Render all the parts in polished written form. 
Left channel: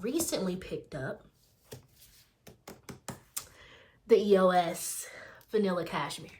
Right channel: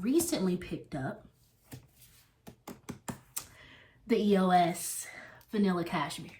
recently picked up the EOS Vanilla Cashmere.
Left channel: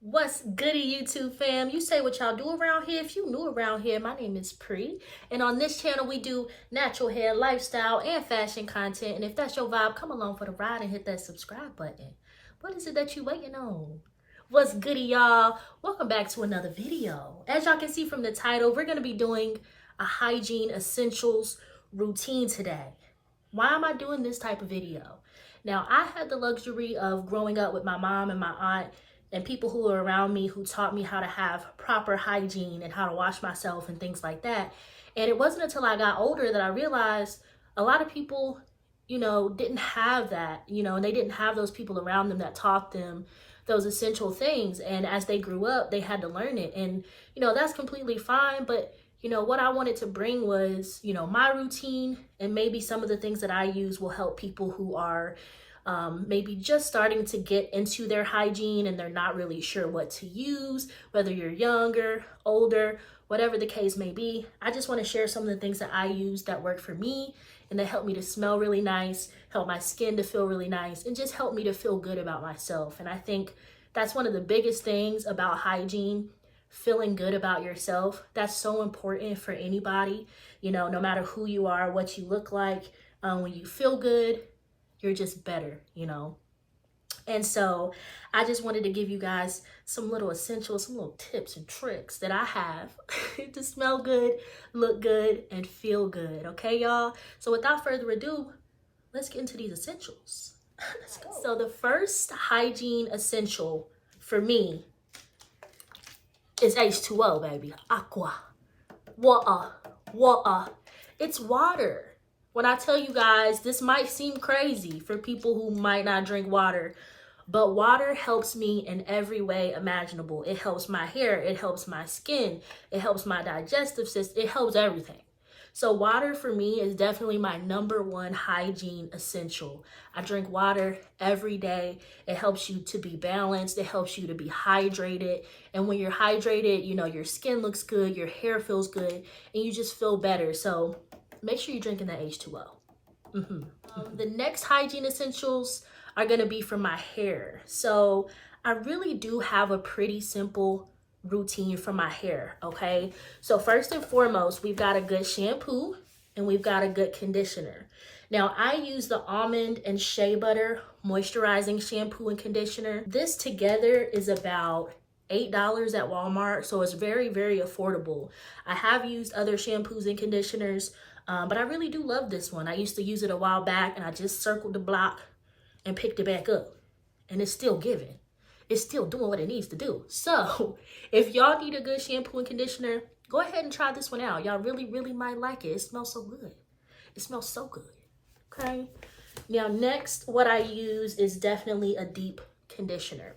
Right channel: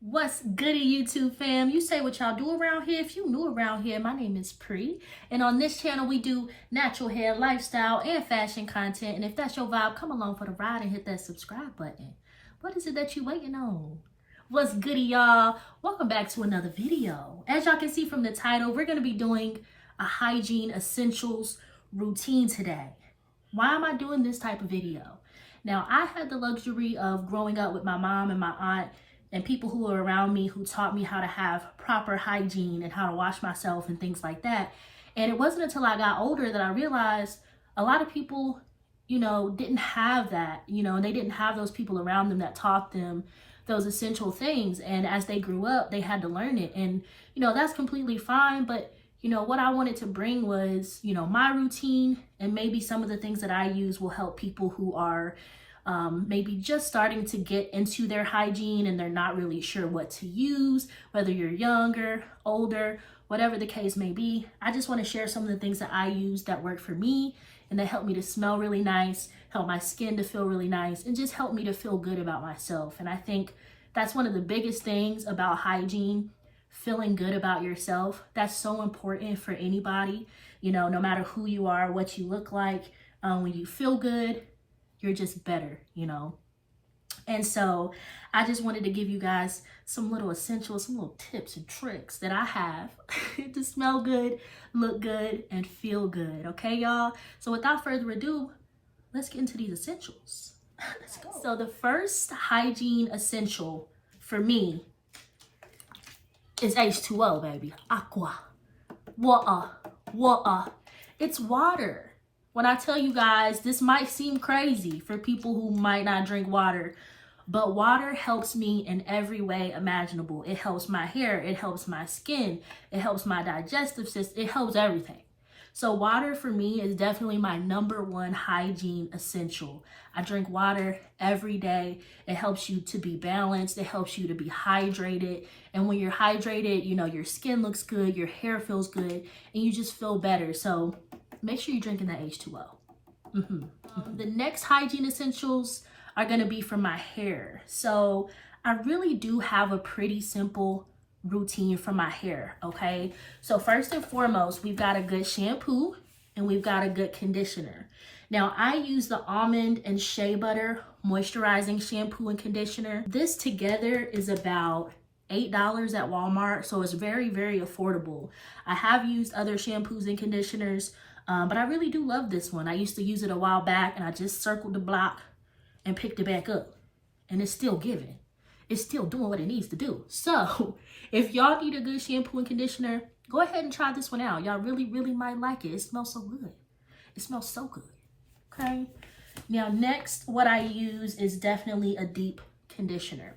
What's goody, YouTube fam? You say what y'all do around here. If you new around here, my name is Pri, and on this channel we do natural hair, lifestyle, and fashion content. And if that's your vibe, come along for the ride and hit that subscribe button. What is it that you waiting on? What's goody, y'all? Welcome back to another video. As y'all can see from the title, we're going to be doing a hygiene essentials routine today. Why am I doing this type of video? Now, I had the luxury of growing up with my mom and my aunt and people who were around me who taught me how to have proper hygiene and how to wash myself and things like that. And it wasn't until I got older that I realized a lot of people, didn't have that, and they didn't have those people around them that taught them those essential things. And as they grew up, they had to learn it. And, that's completely fine. But, what I wanted to bring was, my routine, and maybe some of the things that I use will help people who are maybe just starting to get into their hygiene and they're not really sure what to use, whether you're younger, older, whatever the case may be. I just want to share some of the things that I use that work for me and that help me to smell really nice, help my skin to feel really nice, and just help me to feel good about myself. And I think that's one of the biggest things about hygiene, feeling good about yourself. That's so important for anybody, no matter who you are, what you look like. When you feel good, you're just better, And so I just wanted to give you guys some little essentials, some little tips and tricks that I have to smell good, look good, and feel good. Okay, y'all? So without further ado, let's get into these essentials. Let's go. So the first hygiene essential for me is H2O, baby. Aqua. Water. It's water. When I tell you guys, this might seem crazy for people who might not drink water, but water helps me in every way imaginable. It helps my hair, it helps my skin, it helps my digestive system, it helps everything. So water for me is definitely my #1 hygiene essential. I drink water every day. It helps you to be balanced. It helps you to be hydrated. And when you're hydrated, your skin looks good, your hair feels good, and you just feel better. So make sure you're drinking that H2O. The next hygiene essentials are going to be for my hair. So I really do have a pretty simple routine for my hair, okay? So first and foremost, we've got a good shampoo and we've got a good conditioner. Now, I use the almond and shea butter moisturizing shampoo and conditioner. This together is about $8 at Walmart, so it's very, very affordable. I have used other shampoos and conditioners, but I really do love this one. I used to use it a while back and I just circled the block and picked it back up. And it's still giving. It's still doing what it needs to do. So if y'all need a good shampoo and conditioner, go ahead and try this one out. Y'all really, really might like it. It smells so good. It smells so good. Okay. Now next, what I use is definitely a deep conditioner.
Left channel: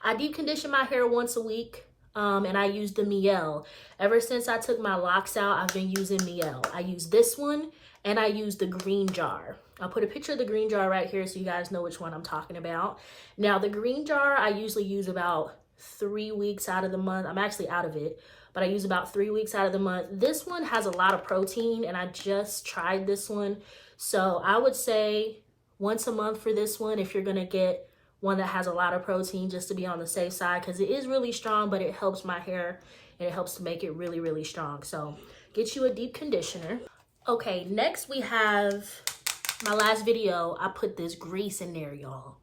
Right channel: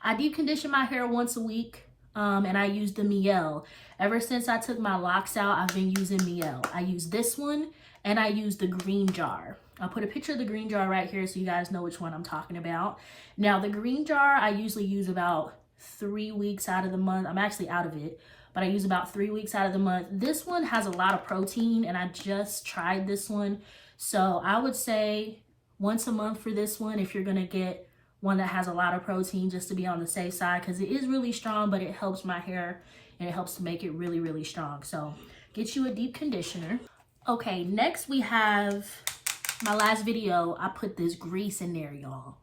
I deep condition my hair once a week. And I use the Mielle. Ever since I took my locks out, I've been using Mielle. I use this one and I use the green jar. I'll put a picture of the green jar right here so you guys know which one I'm talking about. Now the green jar, I usually use about 3 weeks out of the month. I'm actually out of it, but I use about 3 weeks out of the month. This one has a lot of protein and I just tried this one. So I would say once a month for this one if you're gonna get one that has a lot of protein, just to be on the safe side, because it is really strong, but it helps my hair and it helps to make it really, really strong. So get you a deep conditioner. Okay, next we have my last video. I put this grease in there, y'all.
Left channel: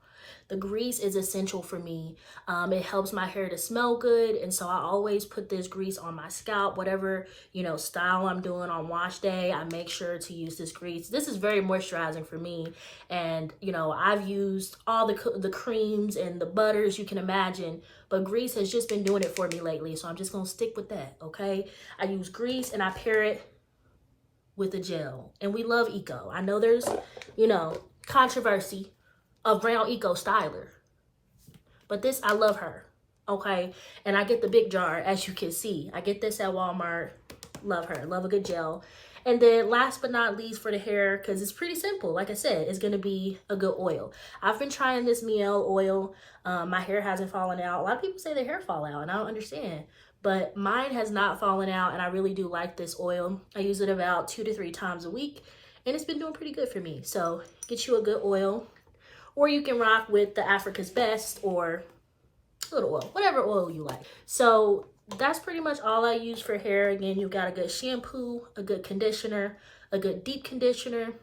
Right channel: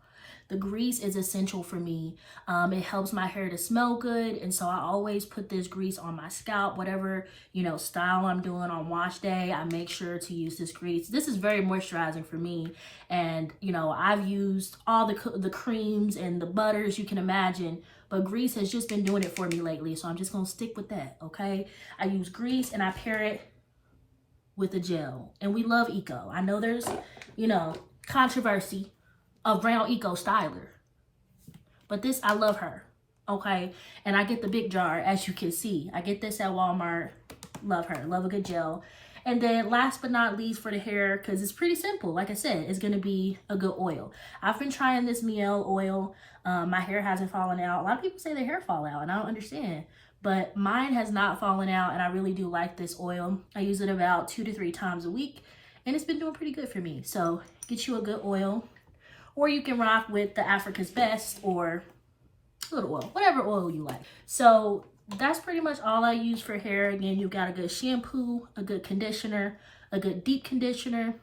The grease is essential for me. It helps my hair to smell good. And so I always put this grease on my scalp, whatever, style I'm doing on wash day. I make sure to use this grease. This is very moisturizing for me. And, I've used all the creams and the butters you can imagine, but grease has just been doing it for me lately. So I'm just going to stick with that. Okay. I use grease and I pair it with a gel, and we love Eco. I know there's, controversy of brown Eco styler, but this, I love her. Okay. And I get the big jar, as you can see. I get this at Walmart. Love her. Love a good gel. And then last but not least for the hair, because it's pretty simple, like I said, it's going to be a good oil. I've been trying this Miel oil. My hair hasn't fallen out. A lot of people say their hair fall out, and I don't understand. But mine has not fallen out, and I really do like this oil. I use it about 2 to 3 times a week, and it's been doing pretty good for me. So get you a good oil, or you can rock with the Africa's Best or little oil, whatever oil you like. So that's pretty much all I use for hair. Again, you got a good shampoo, a good conditioner, a good deep conditioner,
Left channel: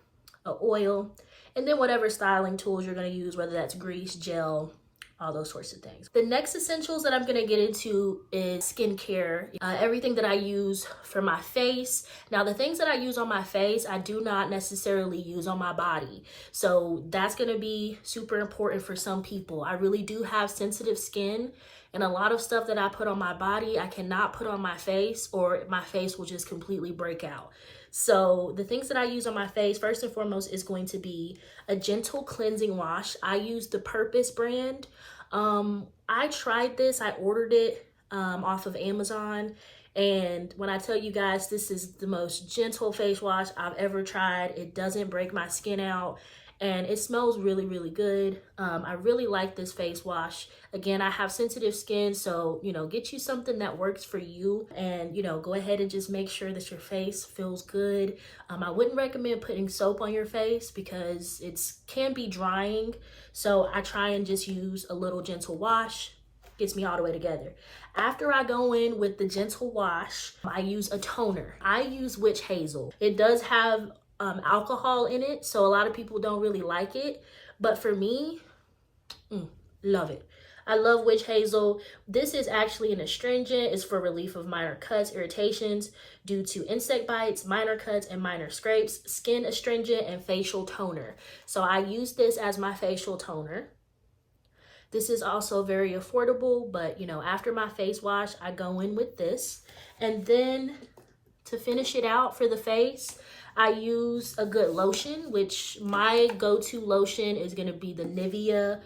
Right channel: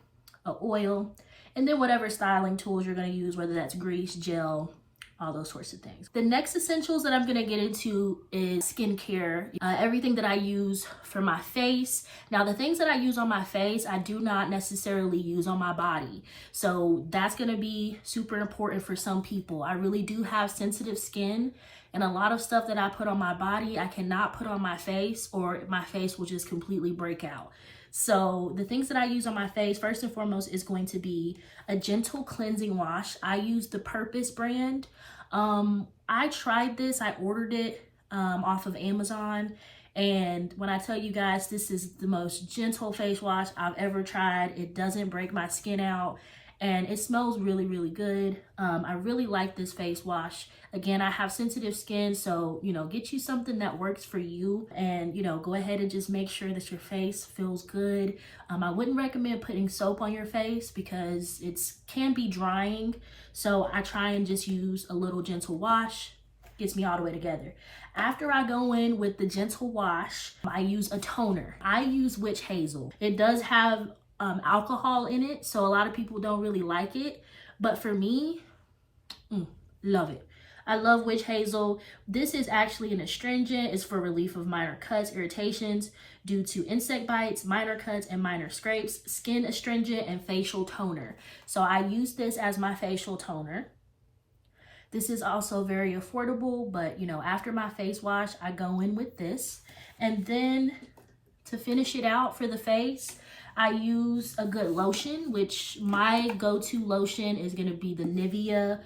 a oil, and then whatever styling tools you're going to use, whether that's grease, gel, all those sorts of things. The next essentials that I'm going to get into is skincare, everything that I use for my face. Now, the things that I use on my face, I do not necessarily use on my body. So that's going to be super important for some people. I really do have sensitive skin, and a lot of stuff that I put on my body, I cannot put on my face, or my face will just completely break out. So the things that I use on my face, first and foremost, is going to be a gentle cleansing wash. I use the Purpose brand. I tried this, I ordered it off of Amazon. And when I tell you guys, this is the most gentle face wash I've ever tried. It doesn't break my skin out, and it smells really, really good. I really like this face wash. Again, I have sensitive skin, so, you know, get you something that works for you, and, you know, go ahead and just make sure that your face feels good. I wouldn't recommend putting soap on your face because it can be drying. So I try and just use a little gentle wash. Gets me all the way together. After I go in with the gentle wash, I use a toner. I use Witch Hazel. It does have alcohol in it, so a lot of people don't really like it. But for me, love it. I love Witch Hazel. This is actually an astringent. It's for relief of minor cuts, irritations due to insect bites, minor cuts, and minor scrapes, skin astringent, and facial toner. So I use this as my facial toner. This is also very affordable, but you know, after my face wash, I go in with this. And then to finish it out for the face, I use a good lotion, which my go-to lotion is going to be the Nivea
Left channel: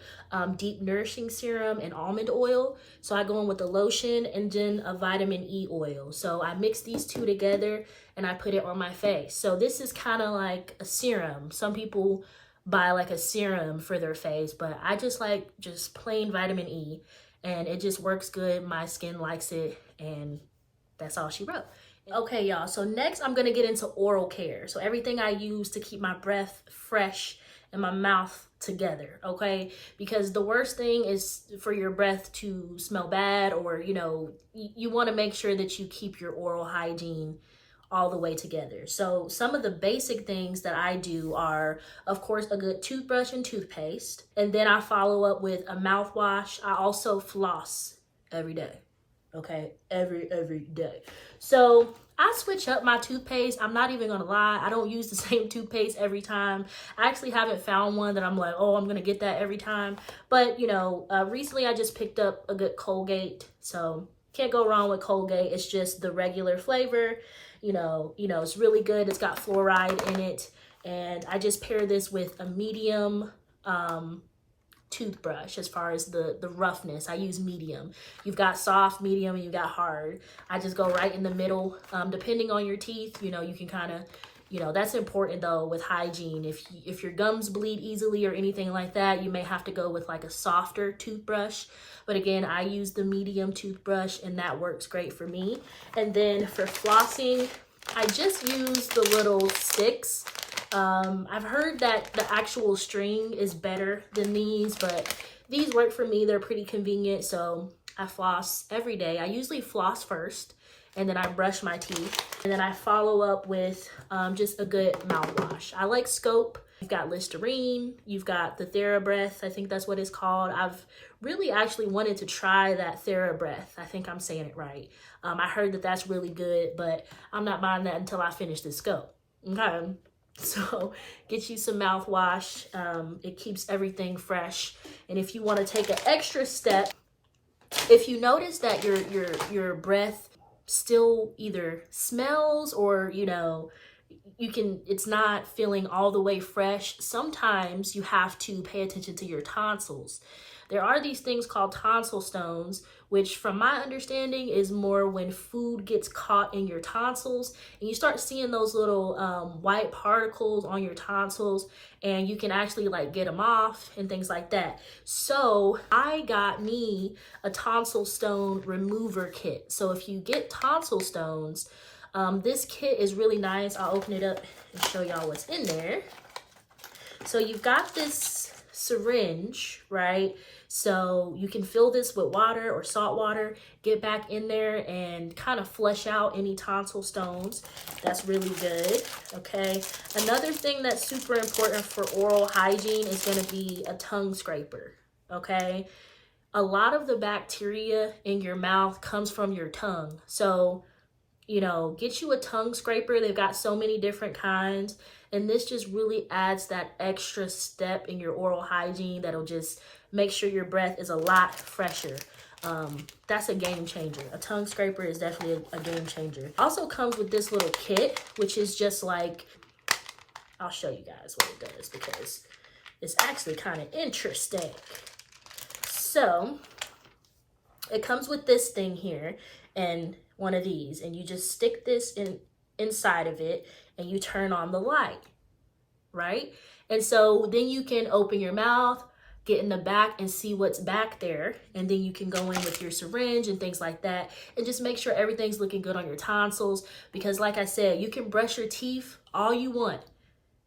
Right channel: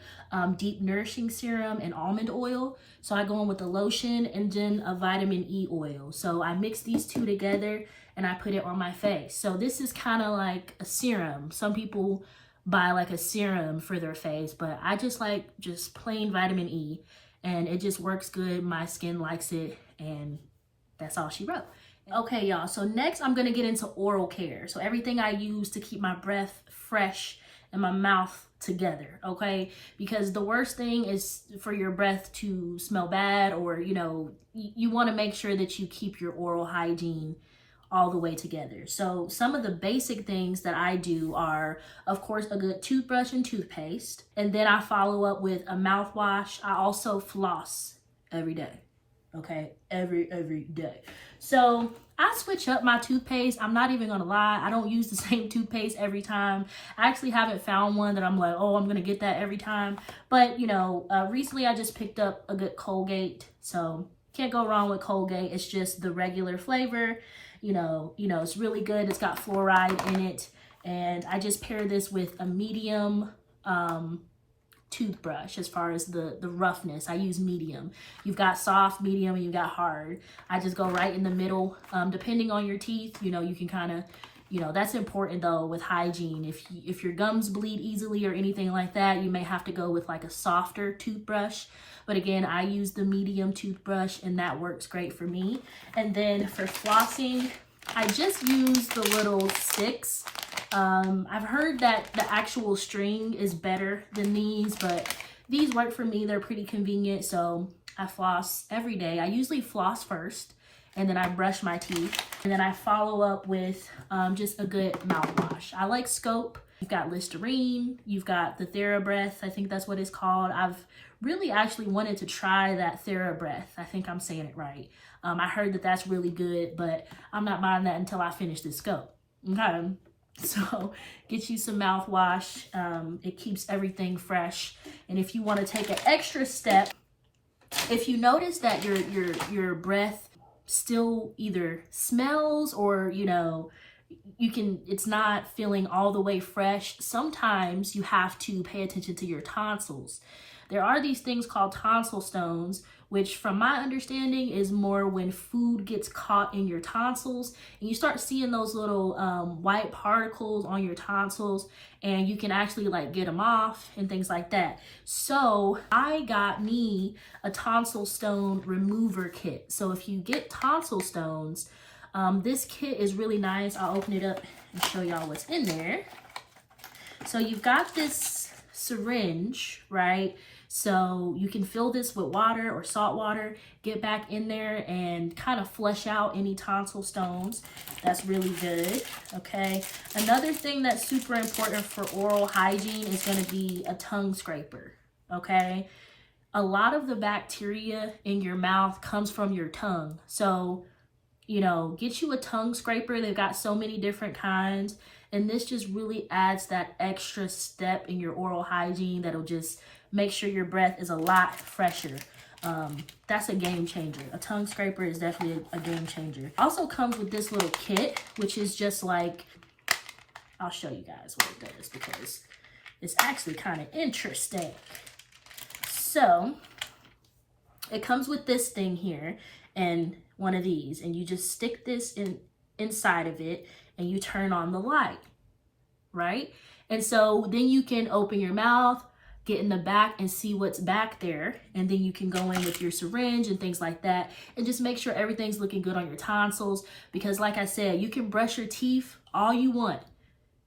Deep Nourishing Serum and Almond Oil. So I go in with the lotion and then a vitamin E oil. So I mix these two together and I put it on my face. So this is kind of like a serum. Some people buy like a serum for their face, but I just like just plain vitamin E, and it just works good. My skin likes it, and that's all she wrote. Okay, y'all, so next I'm gonna get into oral care. So everything I use to keep my breath fresh and my mouth together, okay? Because the worst thing is for your breath to smell bad, or, you know, you wanna make sure that you keep your oral hygiene all the way together. So some of the basic things that I do are, of course, a good toothbrush and toothpaste. And then I follow up with a mouthwash. I also floss every day. Okay, every day. So I switch up my toothpaste. I'm not even gonna lie, I don't use the same toothpaste every time. I actually haven't found one that I'm like, oh, I'm gonna get that every time. But you know, recently I just picked up a good Colgate. So can't go wrong with Colgate. It's just the regular flavor. You know, it's really good. It's got fluoride in it. And I just pair this with a medium toothbrush. As far as the roughness, I use medium. You've got soft, medium, and you've got hard. I just go right in the middle. Depending on your teeth, you know, you can kind of, you know, that's important though with hygiene. If your gums bleed easily or anything like that, you may have to go with like a softer toothbrush. But again, I use the medium toothbrush, and that works great for me. And then for flossing, I just use the little sticks. I've heard that the actual string is better than these, but these work for me. They're pretty convenient, so I floss every day. I usually floss first, and then I brush my teeth. And then I follow up with just a good mouthwash. I like Scope. You've got Listerine. You've got the TheraBreath. I think that's what it's called. I've really actually wanted to try that TheraBreath. I think I'm saying it right. I heard that that's really good, but I'm not buying that until I finish this Scope. Okay. So get you some mouthwash. It keeps everything fresh. And if you want to take an extra step, if you notice that your breath still either smells or, you know, it's not feeling all the way fresh, sometimes you have to pay attention to your tonsils. There are these things called tonsil stones, which from my understanding is more when food gets caught in your tonsils and you start seeing those little white particles on your tonsils, and you can actually like get them off and things like that. So I got me a tonsil stone remover kit. So if you get tonsil stones, this kit is really nice. I'll open it up and show y'all what's in there. So you've got this syringe, right? So you can fill this with water or salt water, get back in there and kind of flush out any tonsil stones. That's really good, okay? Another thing that's super important for oral hygiene is gonna be a tongue scraper, okay? A lot of the bacteria in your mouth comes from your tongue. So, you know, get you a tongue scraper. They've got so many different kinds. And this just really adds that extra step in your oral hygiene that'll just make sure your breath is a lot fresher. That's a game changer. A tongue scraper is definitely a game changer. Also comes with this little kit, which is just like, I'll show you guys what it does because it's actually kind of interesting. So it comes with this thing here and one of these, and you just stick this inside of it and you turn on the light, right? And so then you can open your mouth, get in the back and see what's back there. And then you can go in with your syringe and things like that and just make sure everything's looking good on your tonsils. Because like I said, you can brush your teeth all you want,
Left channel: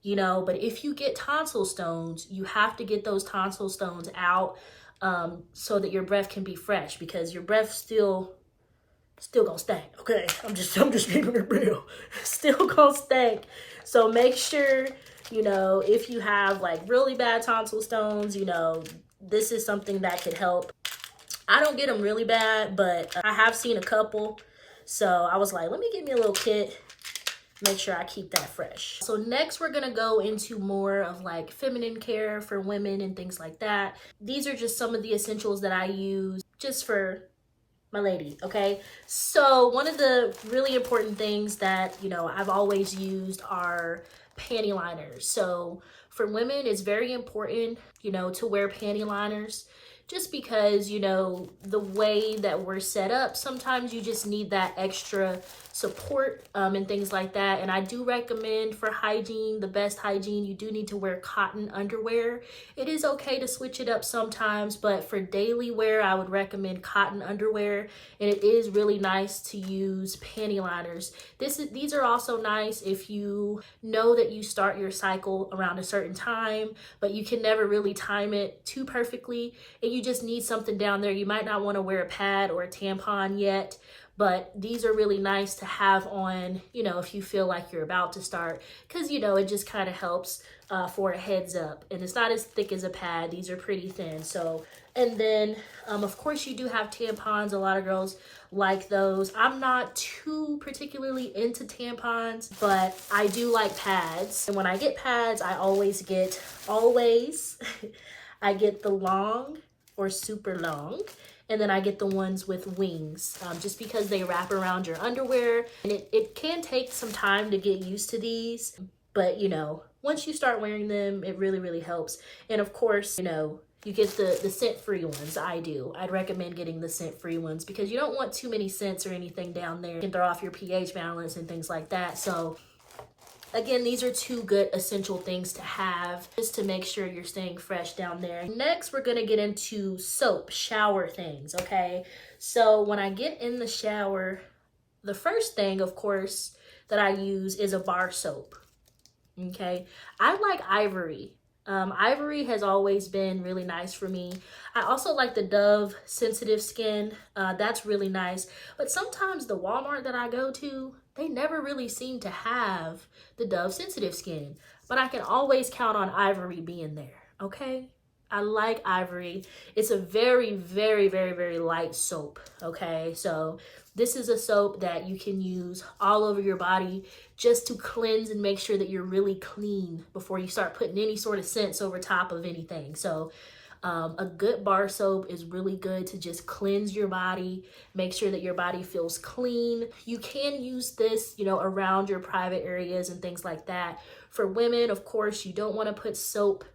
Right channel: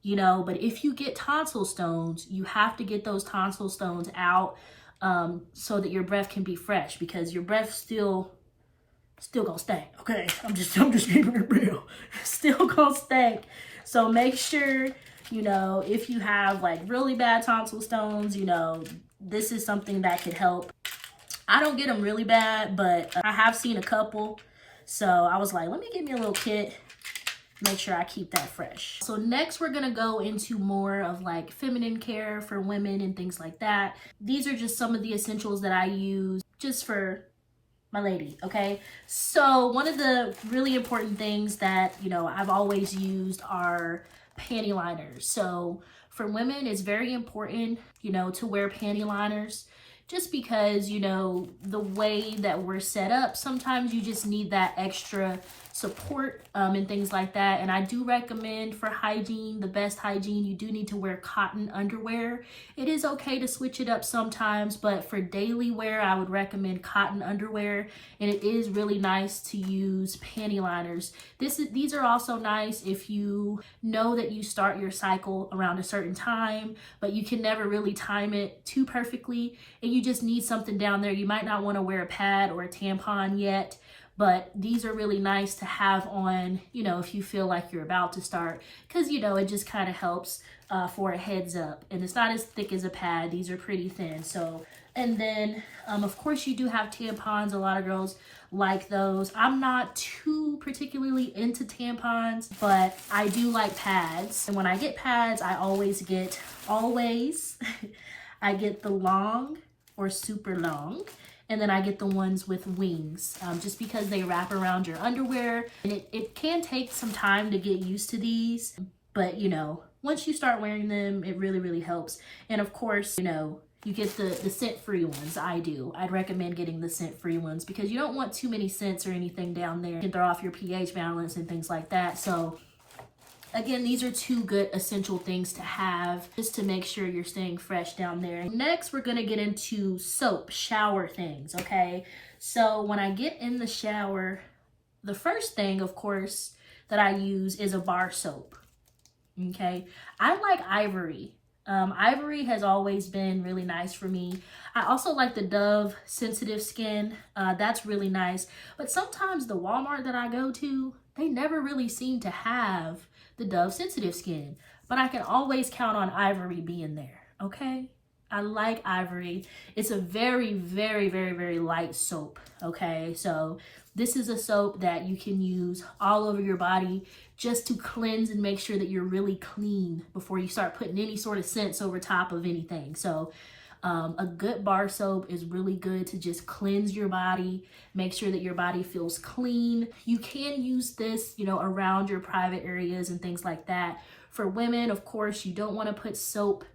you know, but if you get tonsil stones, you have to get those tonsil stones out so that your breath can be fresh, because your breath still gonna stink, okay? I'm just keeping it real. Still gonna stink. So make sure, you know, if you have like really bad tonsil stones, you know, this is something that could help. I don't get them really bad, but I have seen a couple. So I was like, let me get me a little kit, make sure I keep that fresh. So next we're gonna go into more of like feminine care for women and things like that. These are just some of the essentials that I use just for my lady, okay? So one of the really important things that, you know, I've always used are panty liners. So for women, it's very important, you know, to wear panty liners just because, you know, the way that we're set up, sometimes you just need that extra support and things like that. And I do recommend for hygiene, the best hygiene, you do need to wear cotton underwear. It is okay to switch it up sometimes, but for daily wear, I would recommend cotton underwear. And it is really nice to use panty liners. These are also nice if you know that you start your cycle around a certain time, but you can never really time it too perfectly. And you just need something down there. You might not want to wear a pad or a tampon yet, but these are really nice to have on, you know, if you feel like you're about to start, because, you know, it just kind of helps for a heads up. And it's not as thick as a pad. These are pretty thin. So, and then, of course, you do have tampons. A lot of girls like those. I'm not too particularly into tampons, but I do like pads. And when I get pads, I always get I get the long or super long. And then I get the ones with wings, just because they wrap around your underwear. And it can take some time to get used to these, but you know, once you start wearing them, it really, really helps. And of course, you know, you get the scent-free ones. I'd recommend getting the scent-free ones because you don't want too many scents or anything down there. You can throw off your pH balance and things like that. So again, these are two good essential things to have just to make sure you're staying fresh down there. Next, we're gonna get into soap, shower things, okay? So when I get in the shower, the first thing, of course, that I use is a bar soap, okay? I like Ivory. Ivory has always been really nice for me. I also like the Dove Sensitive Skin. That's really nice. But sometimes the Walmart that I go to, they never really seem to have the Dove Sensitive Skin, but I can always count on Ivory being there, okay? I like Ivory. It's a very, very, very, very light soap, okay? So this is a soap that you can use all over your body just to cleanse and make sure that you're really clean before you start putting any sort of scents over top of anything. So a good bar soap is really good to just cleanse your body, make sure that your body feels clean. You can use this, you know, around your private areas and things like that. For women, of course, you don't want to put soap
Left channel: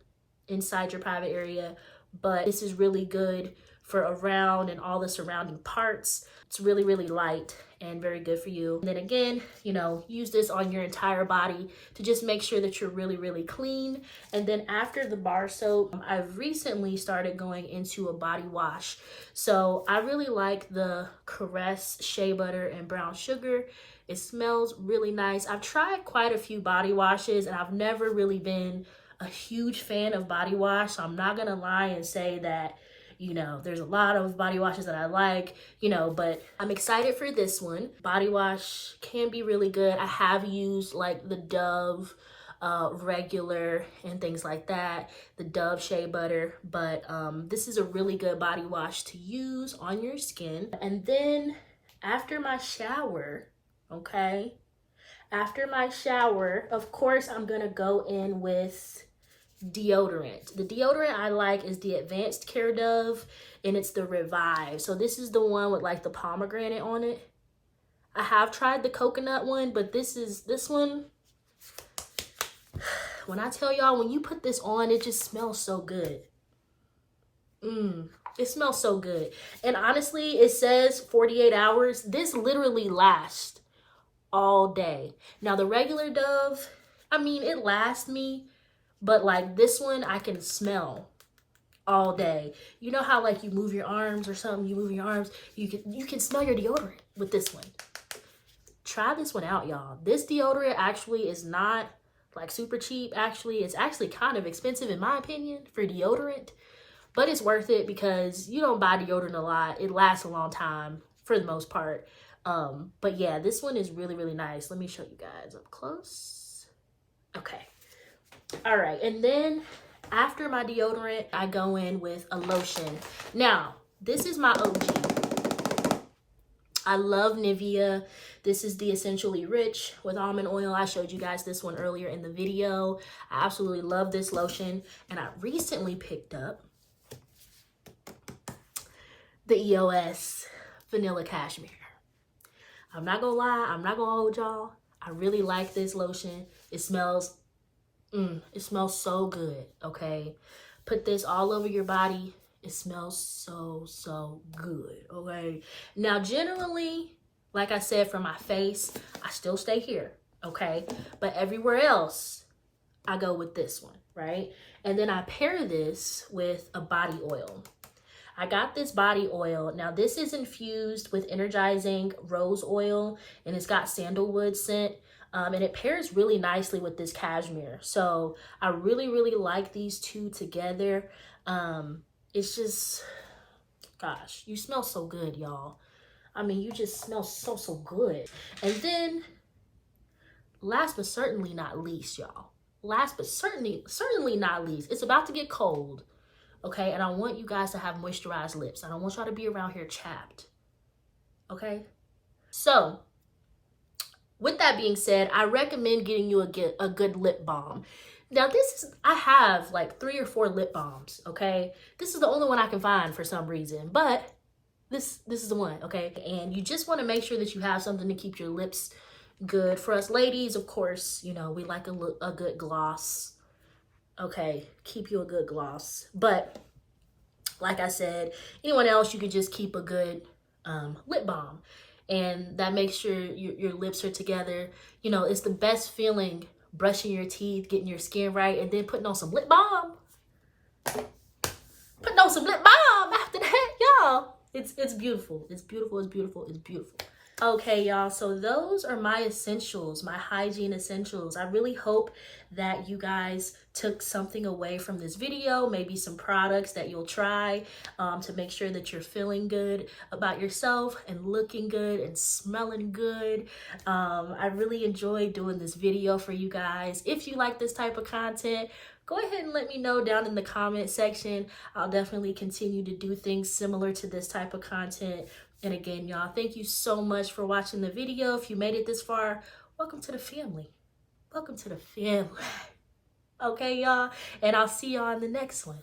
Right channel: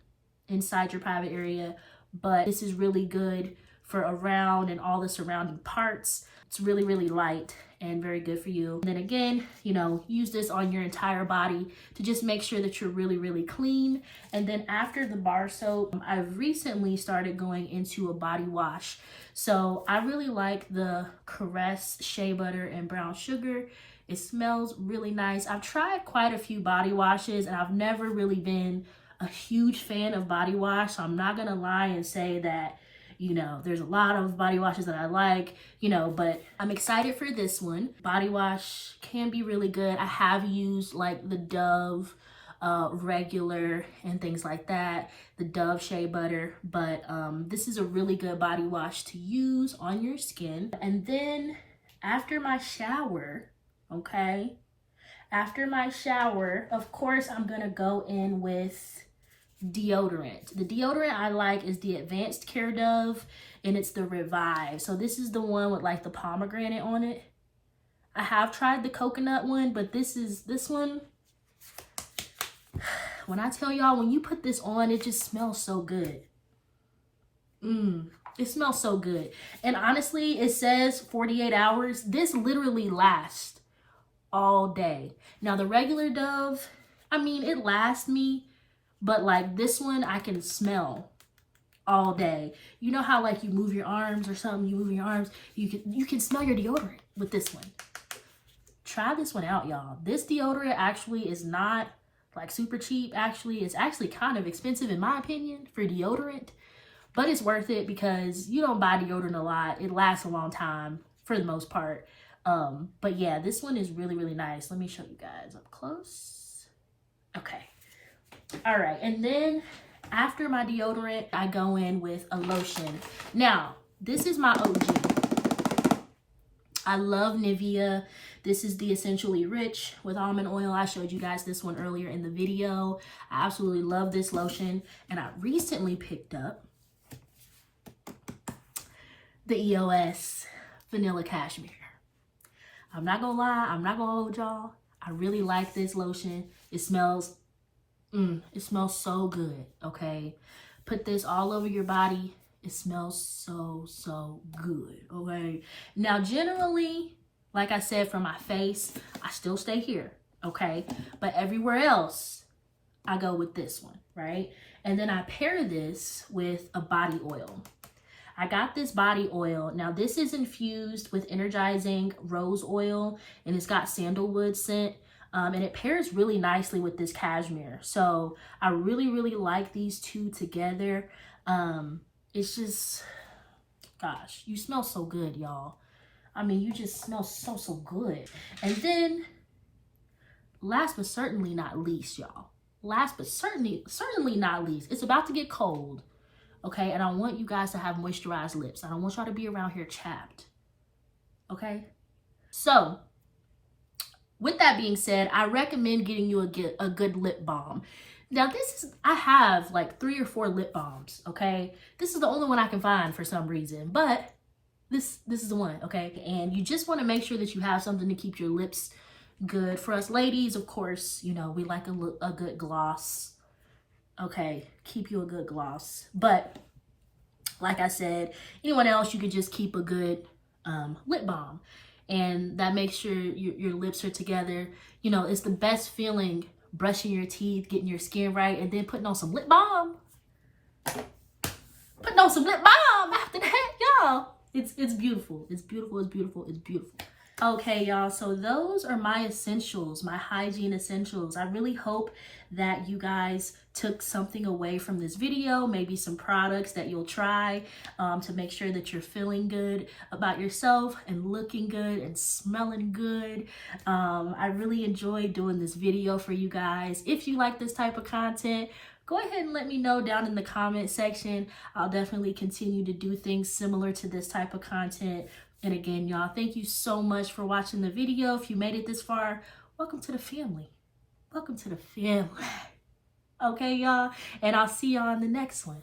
inside your private area, but this is really good for around and all the surrounding parts. It's really, really light and very good for you. And then again, you know, use this on your entire body to just make sure that you're really, really clean. And then after the bar soap, I've recently started going into a body wash. So I really like the Caress Shea Butter and Brown Sugar. It smells really nice. I've tried quite a few body washes and I've never really been a huge fan of body wash. So I'm not gonna lie and say that, you know, there's a lot of body washes that I like, you know, but I'm excited for this one. Body wash can be really good. I have used like the Dove regular and things like that, the Dove Shea Butter, but this is a really good body wash to use on your skin. And then after my shower, okay, after my shower, of course, I'm gonna go in with deodorant. The deodorant I like is the Advanced Care Dove, and it's the Revive. So this is the one with like the pomegranate on it. I have tried the coconut one, but this one, when I tell y'all, when you put this on, it just smells so good. It smells so good. And honestly, it says 48 hours. This literally lasts all day. Now the regular Dove, I mean, it lasts me, but like this one, I can smell all day. You know how like you move your arms or something, you move your arms, you can smell your deodorant with this one. Try this one out, y'all. This deodorant actually is not like super cheap. Actually, it's actually kind of expensive in my opinion for deodorant, but it's worth it because you don't buy deodorant a lot. It lasts a long time for the most part. But yeah, this one is really, really nice. Let me show you guys up close. Okay. All right, and then after my deodorant, I go in with a lotion. Now, this is my OG. I love Nivea. This is the Essentially Rich with almond oil. I showed you guys this one earlier in the video. I absolutely love this lotion. And I recently picked up the EOS Vanilla Cashmere. I'm not gonna lie, I'm not gonna hold y'all. I really like this lotion. It smells so good, okay? Put this all over your body. It smells so good, okay? Now, generally, like I said, for my face, I still stay here, okay? But everywhere else, I go with this one, right? And then I pair this with a body oil. I got this body oil. Now, this is infused with energizing rose oil, and it's got sandalwood scent. And it pairs really nicely with this cashmere. So I really, really like these two together. It's just, gosh, you smell so good, y'all. I mean, you just smell so good. And then last but certainly not least, y'all. Last but certainly not least, it's about to get cold, okay? And I want you guys to have moisturized lips. I don't want y'all to be around here chapped, okay? So, with that being said, I recommend getting you a good lip balm. Now I have like 3 or 4 lip balms, okay? This is the only one I can find for some reason, but this is the one, okay? And you just want to make sure that you have something to keep your lips good. For us ladies, of course, you know, we like a good gloss, okay? Keep you a good gloss. But like I said, anyone else, you could just keep a good lip balm. And that makes sure your lips are together. You know, it's the best feeling brushing your teeth, getting your skin right, and then putting on some lip balm. Putting on some lip balm after that, y'all. It's beautiful. It's beautiful. It's beautiful. It's beautiful. Okay, y'all. So those are my essentials, my hygiene essentials. I really hope that you guys took something away from this video, maybe some products that you'll try to make sure that you're feeling good about yourself and looking good and smelling good. I really enjoyed doing this video for you guys. If you like this type of content, go ahead and let me know down in the comment section. I'll definitely continue to do things similar to this type of content. And again, y'all, thank you so much for watching the video. If you made it this far, welcome to the family. Welcome to the family. Okay, y'all. And I'll see y'all in the next one.